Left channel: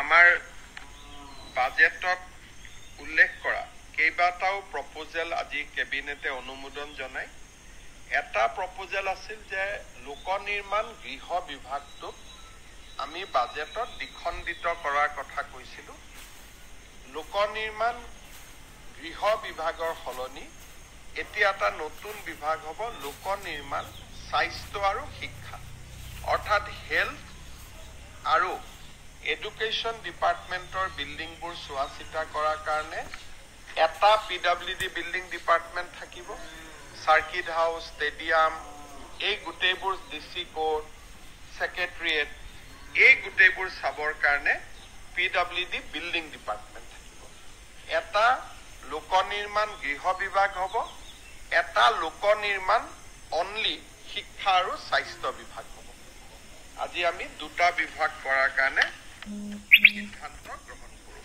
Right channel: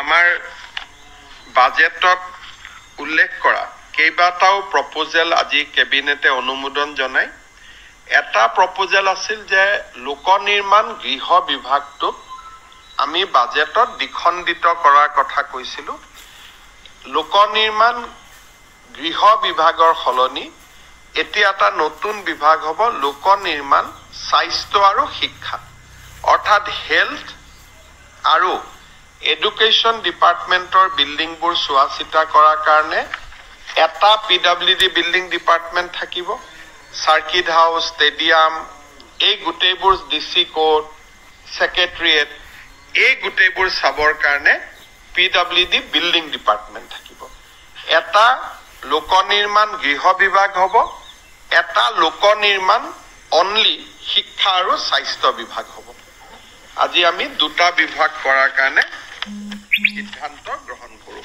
আমাৰ বাজেটত উল্লেখ কৰা কেইবাটাও প্ৰপোজেল আজি কেবিনেটে অনুমোদন জনায়। এটা প্ৰপোজেল আছিল যে লোক নিৰ্মাণ গৃহ বিভাগটোক আমি বাজেটত দ্বিখণ্ডিত কৰাৰ কথা কৈছিলোঁ। লোক নিৰ্মাণ গৃহ বিভাগৰ সলনি এতিয়া এটা নতুন বিভাগ হ'ব লোক নিৰ্মাণ স্বাস্থ্য আৰু শিক্ষা, অৰ্থাৎ হেল্থ আৰু এডুকেশ্যন ডিপাৰ্টমেণ্টৰ বিল্ডিংবোৰ চোৱা চিতা কৰাৰ কাৰণে এটা PWD বিল্ডিং ডিপাৰ্টমেণ্ট থাকিব। চাৰ্কিট হাউচ, ষ্টেডিয়াম, এই গোটেইবোৰ DC কোৰ্ট, ছেক্ৰেটেৰিয়েট, এই গোটেইবোৰ চাবৰ কাৰণে PWD বিল্ডিং ডিপাৰ্টমেণ্ট থাকিব। এটা লোক নিৰ্মাণ গৃহ বিভাগ হ'ব, এটা লোক নিৰ্মাণ অনলি শিক্ষা আৰু স্বাস্থ্য বিভাগ হ'ব। আজি আমি দুটা বিভাগ কৰাৰ কাৰণে সিদ্ধান্ত গ্ৰহণ কৰোঁ।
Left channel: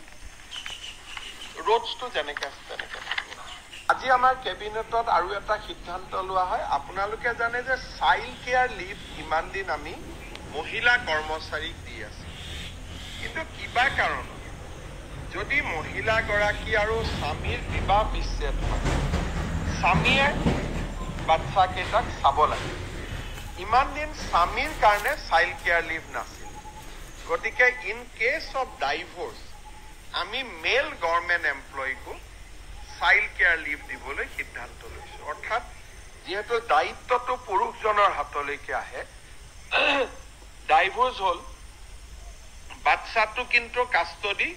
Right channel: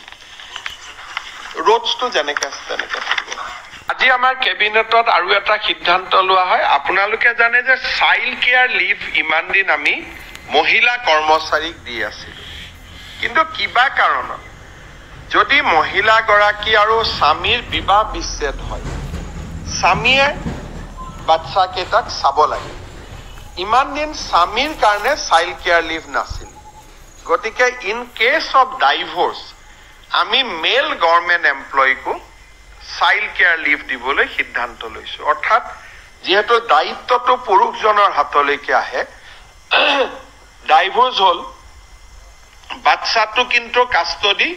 ৰোডছটো যেনেকৈ আছে তেনেকৈ থাকিব। আজি আমাৰ কেবিনেটত আৰু এটা সিদ্ধান্ত লোৱা হয়। আপোনালোকে জানে যে চাইল্ড কেয়াৰ লিভ ইমান দিন আমি মহিলা কৰ্মচাৰীক দি আছিলোঁ, কিন্তু কিবা কাৰণত যদি মহিলাগৰাকী আৰু স্বামীৰ বিবাহ বিচ্ছেদ হয়, স্বামীয়ে বাচ্চাকেইটাক চাব লাগে। ইমান দিন স্বামীৰ কাৰণে চাইল্ড কেয়াৰ লিভ নাছিল। গতিকে ইন কেছ অফ ডাইভৰ্চ আমি মেল গভৰ্ণমেণ্ট এমপ্লয়ীকো চাইল্ড কেয়াৰ লিভ দিবলৈ সিদ্ধান্ত লৈছোঁ। অৰ্থাৎ যিহেতু দায়িত্বটো পুৰুষজনৰ হাতলৈকে আহে, ডাইভৰ্চ হ'ল, বাচ্চাটো কিন্তু কাষ্টডি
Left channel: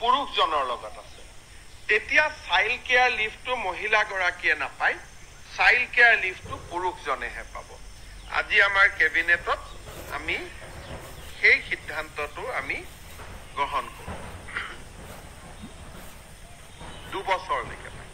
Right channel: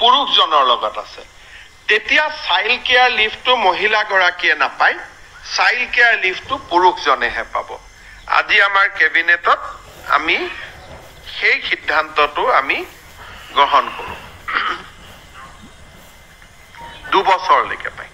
পুৰুষজনৰ লগত আছে, তেতিয়া চাইল্ড কেয়াৰ লিভটো মহিলাগৰাকীয়ে নাপায়, চাইল্ড কেয়াৰ লিভটো পুৰুষজনেহে পাব। আজি আমাৰ কেবিনেটত আমি সেই সিদ্ধান্তটো আমি গ্ৰহণ কৰোঁ। 2 বছৰলৈকে পায়।